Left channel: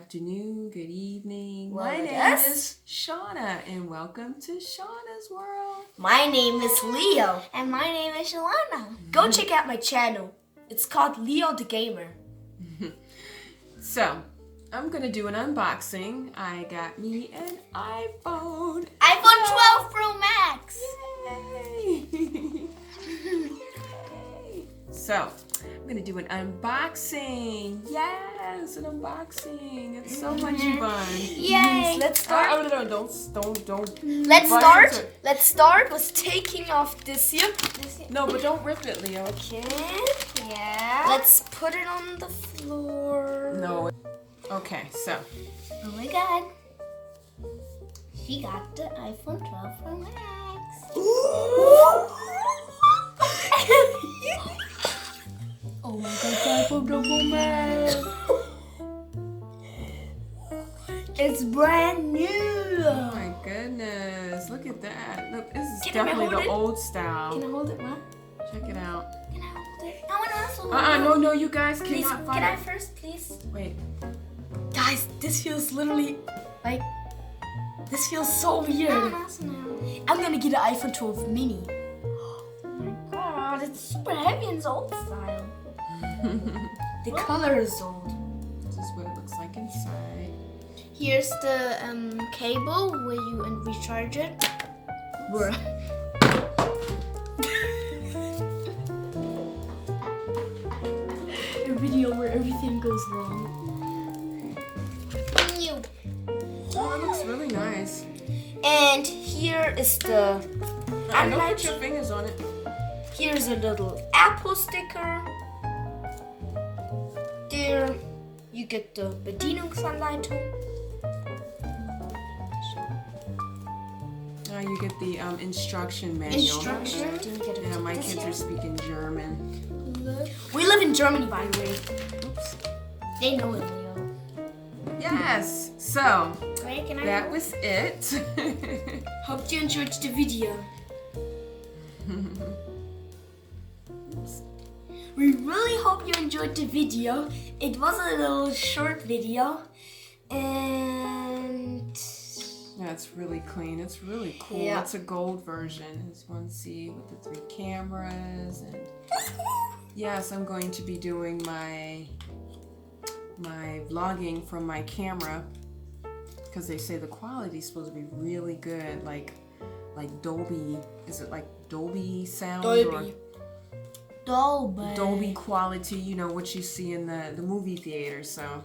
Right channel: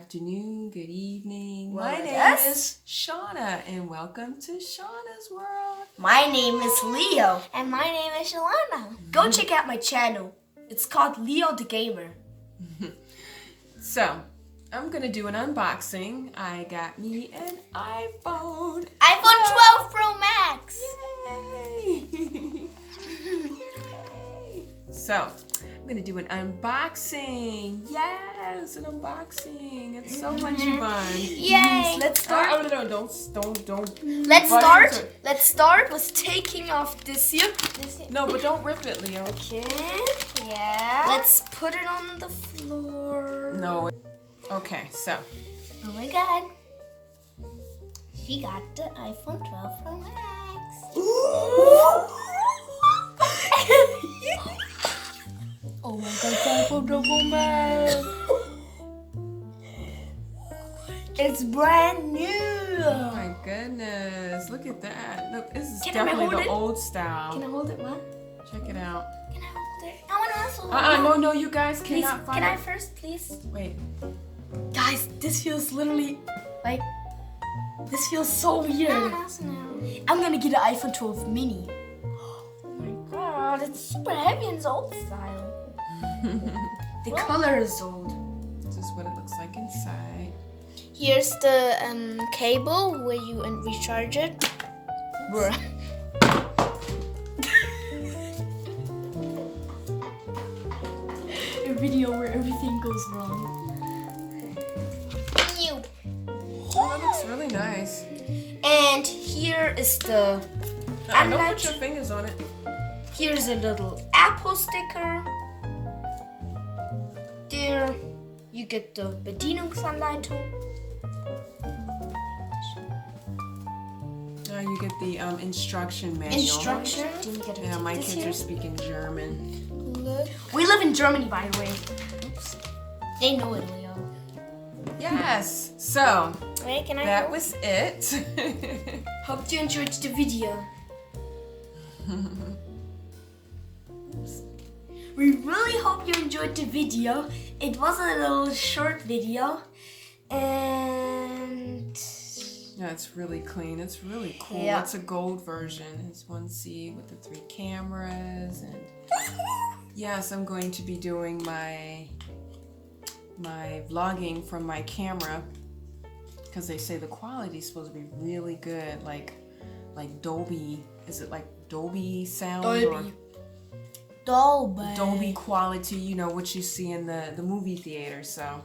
afternoon, good evening. Well, My name yes. is Shauna, and welcome to Shauna's World. My name is Leo. And my name is Shauna. Go check out my channel. It's called Leo the Gamer. So, I'm going to do an unboxing. I got me an iPhone. iPhone 12 Pro Max. Yay! So, I'm going to do an unboxing. Yes, an unboxing. It's so much fun. Yay. Let's start. Oh, no, don't. Let's start with taking off this here. No, but don't rip it, Leo. Okay. Yeah. Let's put it on the floor. No. Okay, so. Oh my god. She got the iPhone 12 Pro Max. Oh my god, iPhone 12 Pro Max. It's brand new. Oh my goodness. Look at that. Look, this is Can I definitely hold the it? old style. Can I hold it, Mom? Check it out. Can I hold it? I want to also hold it. No, you guys Please, cannot find can I it. first, please? Wait. Guys, this feels literally like, this feels so I weird. want to also know. I'm gonna get an iPhone 12 mini. Oh my god, it's super heavy and it's old style. The color is old. This is what it looks like inside. Here's the cable where you recharge it. Bruh. A video where everything goes wrong. New. Oh, it looks really nice. And here is the Don't Unlike- put your fingers on it. here's a little Apple sticker. There you get the Bedienungsanleitung. Now you get the instruction manual. Instruction. Then you get a Yeah, my this kids here. are speaking German. We live in Germany, by the way. Oops. They know it, Leo. Yes. So Right? Can I that go? was it. Hope you enjoyed the video. We really hope you enjoyed the video. It was a little short video. And Yeah, it's really clean. It's really cool. Yeah. It's a gold version. It's 1C with the 3 cameras, and yes, I'm going to be doing my vlogging from my camera because they say the quality is supposed to be really good, like Dolby. Is it like Dolby sound or Dolby quality? You know what you see in the movie theater. So,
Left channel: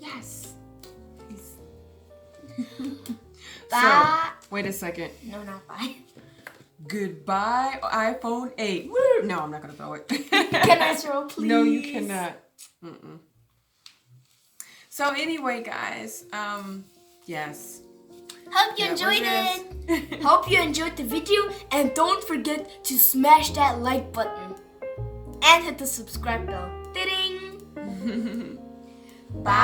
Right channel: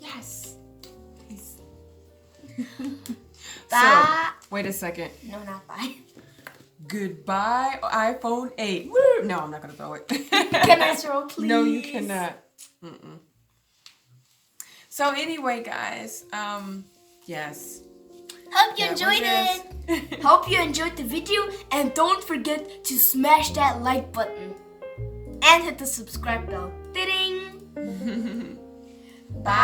yes. So, bye. wait a second. No, not bye. Goodbye, iPhone 8. Woo! No, I'm not gonna throw it. Can I throw, please? No, you cannot. So anyway, guys, yes. Hope you that was enjoyed it. Hope you enjoyed the video, and don't forget to smash that like button and hit the subscribe bell. Ding! Bye.